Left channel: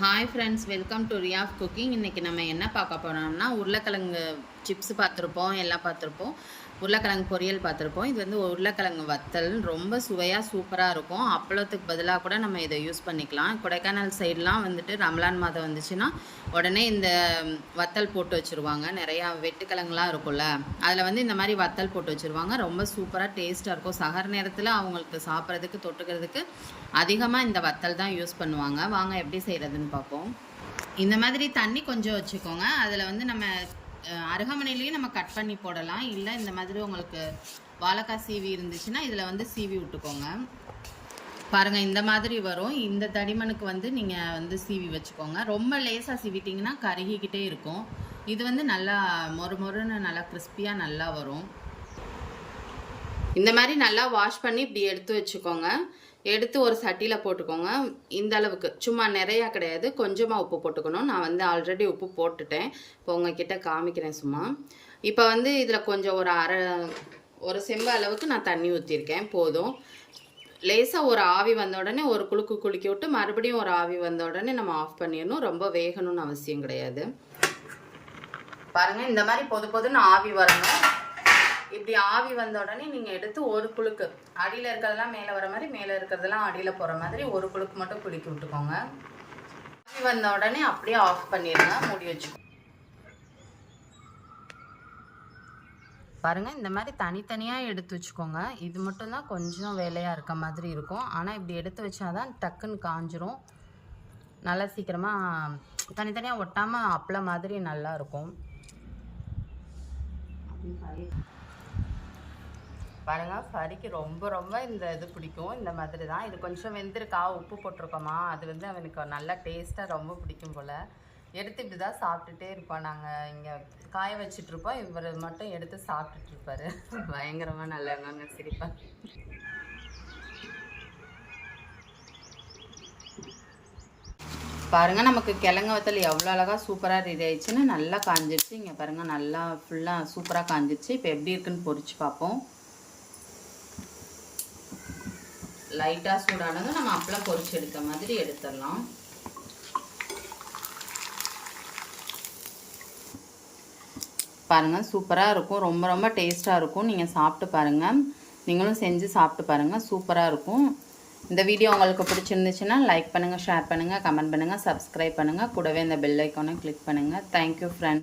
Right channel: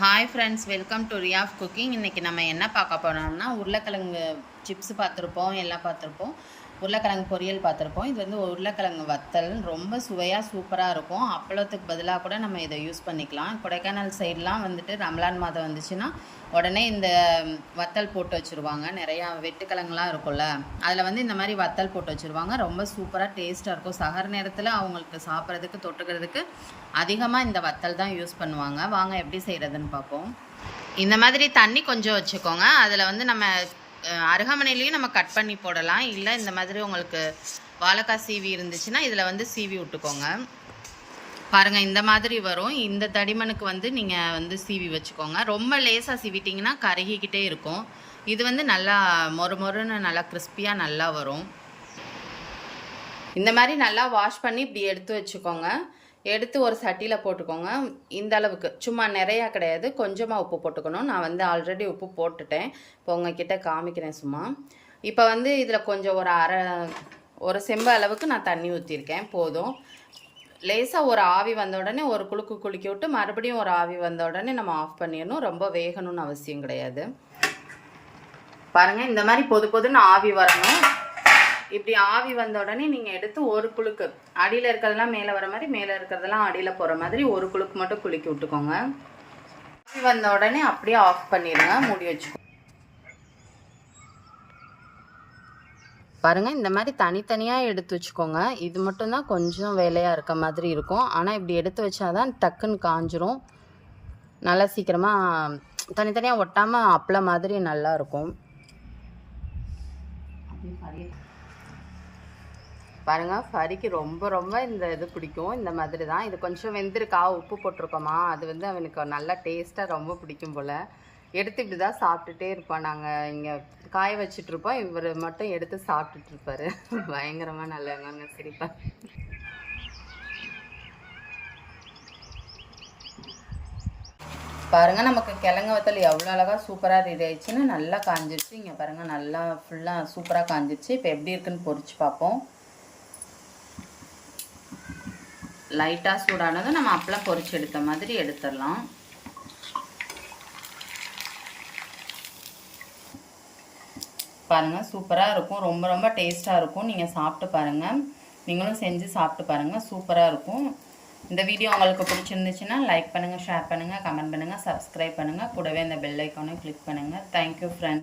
Hi friends, welcome to Riya of cooking. இன்றைக்கி நம்ம என்ன பார்க்க போகிறோம்னா, உருளைக்கிழங்கு சிப்ஸ் பார்த்துருப்போம், எல்லாம் பார்த்துருப்போம். உருளைக்கிழங்கு பொரியல் பார்த்துருப்போம். இது வந்து உருளைக்கிழங்கு வத்தல் ரொம்ப சுவையாக சூப்பராக இருக்கும். அப்பளத்துக்கு பதிலாக கூட நம்ம இதை யூஸ் பண்ணிக்கலாம். கொடைக்கானல் சைட்லாம் வந்துட்டு ரம்லான் மாதம் வந்துச்சுன்னா உடனே இந்த வத்தல் போட்டு வச்சுருவாங்க. நிறையா வெட்டுக்கிழங்குலாம் இருக்கும்ல, அதில் வந்து இந்த மாதிரி வத்தல் போட்டு வச்சுருவாங்க. ரொம்ப சூப்பராக டேஸ்ட்டாக இருக்கும். சகர் நேரத்தில் அவங்களுக்கு சாப்பிட்றதுக்கு தொட்டுக்கிறதுக்கு அதிகமாக இந்த வத்தல் தான் யூஸ் பண்ணுவாங்க. வாங்க எப்படி செய்கிறதுன்னு பார்ப்போம். இந்த மாதிரி தண்ணி கொஞ்சம் வச்சுக்கோங்க. அதில் வந்து நம்ம அருகாமனையிலையும் நம்ம கட் பண்ணி போடலாம். இல்லை இந்த மாதிரி உங்களுக்கு வாழைக்காய் சீவி இருந்துச்சுன்னா இதில் வந்து சீவி விட்டுக்கோங்க. பாருங்கள், இந்த மாதிரி வரும். இந்த தடிமனுக்கு வந்து நீங்கள் வந்து சீவி வச்சுக்கோங்க. ரொம்ப லேசாக சீவிட்டிங்கன்னா கருகிக்கிட்டே இருக்கும். இது வந்து நல்லா மொறுன்னு நல்லா கிறிஸ்பியாக நல்லா வரும். இந்த மாதிரி நல்லா வாஷ் பண்ணி இப்படி எடுத்து வச்சுக்கோங்க. எடுத்து ஒரு சட்டியில் போட்டுக்கோங்க. இந்த அளவுக்கு, சும்மா நிறையா கிடையாது, கொஞ்சமாக உப்பு போட்டுக்கணும். நான் வந்து ஆல்ரெடி உப்பு போட்டுட்டேன். இப்போ உங்ககிட்ட காமிக்கிறேன் சும்மா. இப்போ வந்து இதில் கொஞ்சம் ஒரு செம்பு அளவுக்கு நான் தண்ணி ஊற்றிருக்கேன். போதும். லேசாக ஒரு ஆவி வந்த உடனே ஒரு குலுக்கி விட்டு மறுபடியும் ஒரு ஆவி வந்த உடனே நம்ம ஆஃப் பண்ணிடணும். ரொம்ப வேகணும்னு அவசியம் கிடையாது. பாருங்கள், இந்த மாதிரி பொதுன்னு ஆவி வரணும். இப்படி ஆவி வந்த உடனே நீங்கள் எடுத்து ஒரு குலுக்கு, அடியில் இருக்கிறதெல்லாம் மேலே வர மாதிரி, மேலே இருக்கிறதெல்லாம் அடியில் போகிற மாதிரி ஒரு குலுக்கு மட்டும் குலுக்கி விட்டுக்கோங்க. ஆவி வந்த உடனே அப்படியே ஆஃப் பண்ணிடுங்க, மூடி வச்சு. பாருங்கள், இந்த மாதிரி தனித்தனியாக எடுத்து வச்சுக்கோங்க. இது மட்டும்தான் கொஞ்சம் வேலையாக இருக்க மாதிரி இருக்கும். ஆனால் இப்படி எடுத்து வச்சாதான் டக்குன்னு காஞ்சிரும். நல்லா சீக்கிரமாக தனித்தனியாக ஒட்டாமல் அப்பளம் மாதிரி நல்லா இருக்கும். பாருங்கள், ஃபரிக்கு ரொம்ப இந்த இது பிடிக்கும். இந்த மாதிரி தான். இது கொஞ்சம் வெந்திருக்கா, உப்பு போட்டிருக்கோமா, அது வந்து அவனுக்கு நல்லா டேஸ்ட்டாக ரொம்ப பிடிக்கும் போல். எடுத்து இப்படி தான் சாப்பிட்டுட்டே இருப்போம். நாங்கள் இங்கே காய வச்சிட்ருப்போம், இவர் மட்டும் எடுத்து சாப்பிட்டுட்ருப்பார். பயங்கரமாக நல்லங்க சிரிப்பா. பாருங்கள், நமக்கு கிழங்கு வத்தல் எவ்வளோ அழகாக சூப்பராக ரெடி ஆயிடுச்சுன்னு நல்லா காஞ்சிருச்சு. இங்கே பாருங்கள், நல்லா ஃபுல்லாக சூப்பராக காஞ்சிருச்சு. இப்போ எப்படி இருக்குன்னு பொரிச்சு பார்ப்போம். லைட்டாக சூடானதும் நம்ம அப்பளம் பொரிச்சு எடுத்த மாதிரி எடுத்துடலாம். பாருங்கள், சூப்பராக இருக்கும். ரொம்ப டேஸ்ட்டாக இருக்கும். நீங்கள் சாப்பிட்டு பாருங்கள். நீங்களும் செஞ்சு சாப்பிட்டு பாருங்கள். சூப்பராக இருக்கும். இந்த வீடியோ உங்களுக்கு பிடிச்சிருந்துச்சுன்னா லைக் பண்ணுங்கள், ஷேர் பண்ணுங்கள், கமெண்ட் பண்ணுங்கள், சப்ஸ்கிரைப் பண்ணுங்கள். கூடவே இந்த பெல் ஐக்கானை கிளிக் பண்ணுங்கள். Thank you friends.